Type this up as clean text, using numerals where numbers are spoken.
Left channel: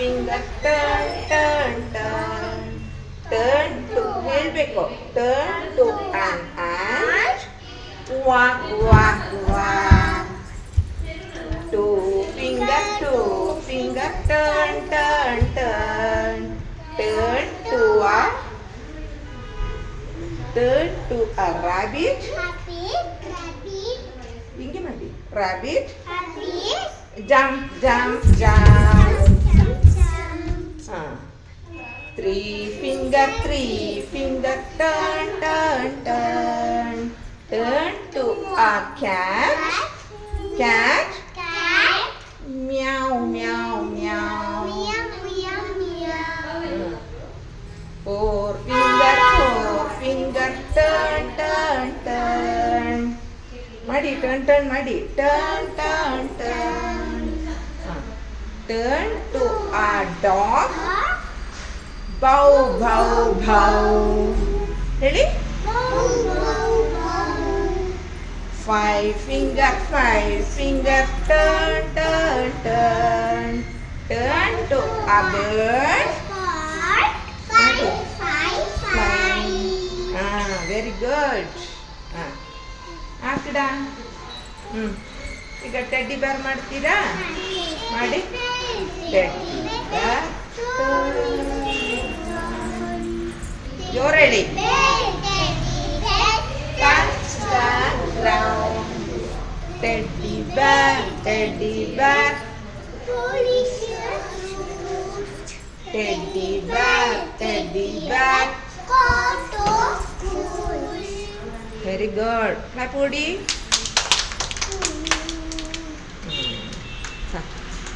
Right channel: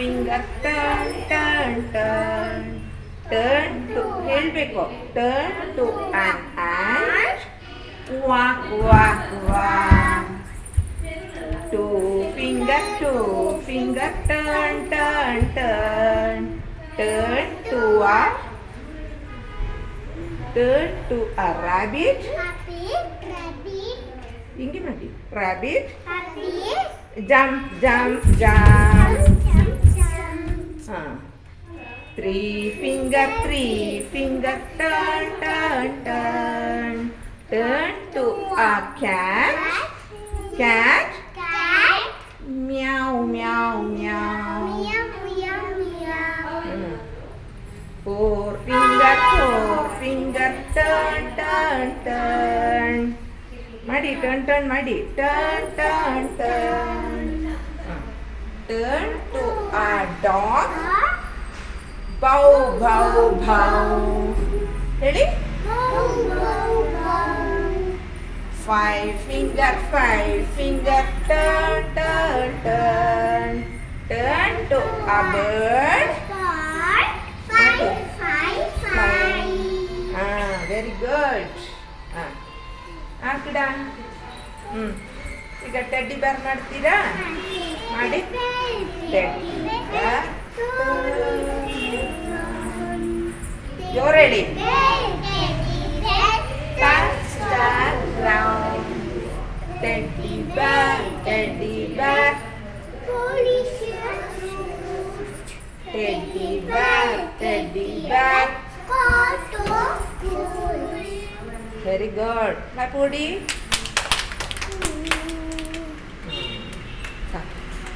finger, turn, turn, turn. Turn to, ಹೇಳ್ಬೇಕು. Turn to an ant. Walk, walk, walk. Two finger, turn, turn, turn. Turn to a, turn to a rabbit. ಹಿಂಗೆ ಮಾಡಿ. Rabbit. Jump, jump, jump. Three finger, turn, turn, turn. Turn to a cat. Cat. Meow, meow, meow. Four finger, turn, turn, turn. ಮಾಡಿ turn, turn ಮಾಡಿ. Turn, turn, turn. Turn to a dog. Bow, bow, bow. ಹೇಳಿ. Five finger, turn, turn, turn. Turn to a bird. Very good. ಹಾಕಿಡ. ಈಗ teddy ಬೇರ್ ಮಾಡ್ತೀರಾ? ಮಾಡಿ. ಜೋರು ಹೇಳಿ. Teddy bear, teddy bear. Teddy bear, teddy bear. Very good. Clap, Woody.